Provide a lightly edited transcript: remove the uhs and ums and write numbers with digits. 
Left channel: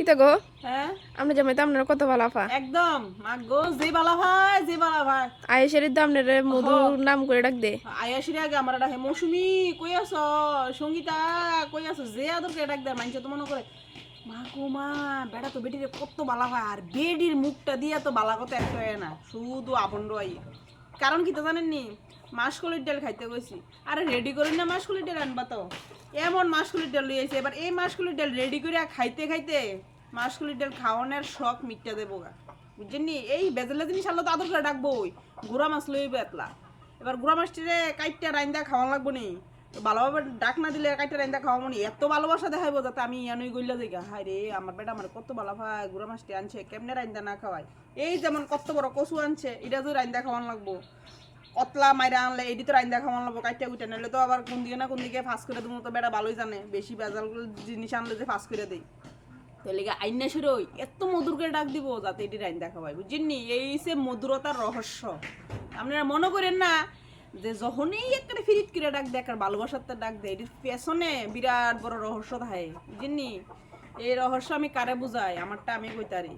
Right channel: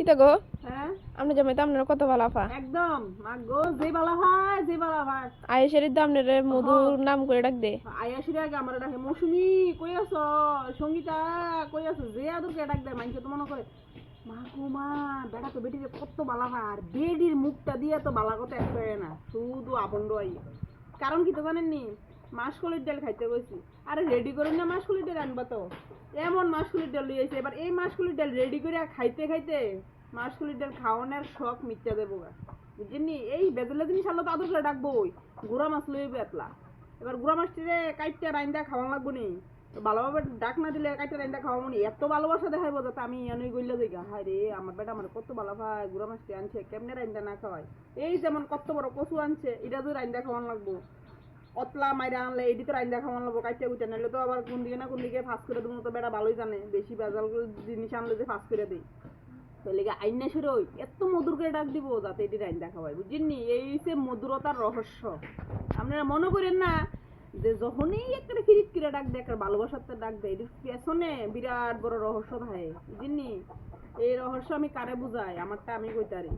কিতা গো হ্যাঁ আমরা জামাই তো আপনার কত ভালো আফা একদম মাগো যে বালা ভাই যে বালা ভাই আয়েশের তো আপনার মধু নাম করে ডাক দে আয়াসির আগে আমার ডাকে মৌসুমি কই আছো সঙ্গীতা কই আছো যে আদরকে ডাক দেয় মানুষ তো মনে করে মা গো মা বেটা তো বেটিরে কত বালা ভাই আর বেডির মুখটা দিয়া তো বালা কথা একটা হয় না শুধু আবন্ড আই কারণ কি তো জানেননি মাসকলির ডাল খাইতে গেছি আরে রেডি করেন না মাসকলির ডাল আনবা তো এমন মাসকলির ডাল লইয়াছে এবার এই মাসকলির ডাল রেডি করে খাইতে খাইতে মাসকলির ডাল খাওয়ানোর শখ মিটটা দেবো গা বুঝছেননি এই বেজেলা জিনিস আলো তো আদর করে ডাকবোই গুড়া মাছ লইবে এতলা এবার গুড়া মাছটিরে কাইটটা রাইন্দা খাওয়ান লাগবো নি ভালোভাবে ডাক না দিলে কাইটটা রাইন্দা খাওয়াবো নি এত ভালোবাসা দেখাইবো যাতে আমি ইয়ানুই গইলা যাই গা হায় রে আমার বেটা আমার কত ভালো ভাই গুড়া মাছটি আনছে কেমনে রাইন্দা না খাওয়াই এই যেমন কত বড় কচু আনছে এটা তো রাইন্দা খাওয়ান লাগবো কতলা মাইরা আনলে এটি তো রাইন্দা খাওয়ান লাগবো কাইটটা উঠে নাহলে তো আবার কোন দিকে না কোন দিকে ফাঁস করে দেবো তো বেটা ভালোই জানে বেশি ভেজাল জিনিস আনলে যে ফাঁস করে দেয় তাহলে আইনা সুরই এত মধুর করে ডাক দিব যাতে এটি রাইন দেখা পাই বুঝছেননি এই সে মধুরতার রহস্য আপনারা মনে করেন না যে যখনই একটা ফিরিট করে ডাক দেয় আর ভালোবাসার ডাক দেয় এটির পেছনে বিরাট বড় রহস্য থাকে বুঝছেননি এই রহস্য আমি কারে বুঝাই আমারটা আমি কইতারি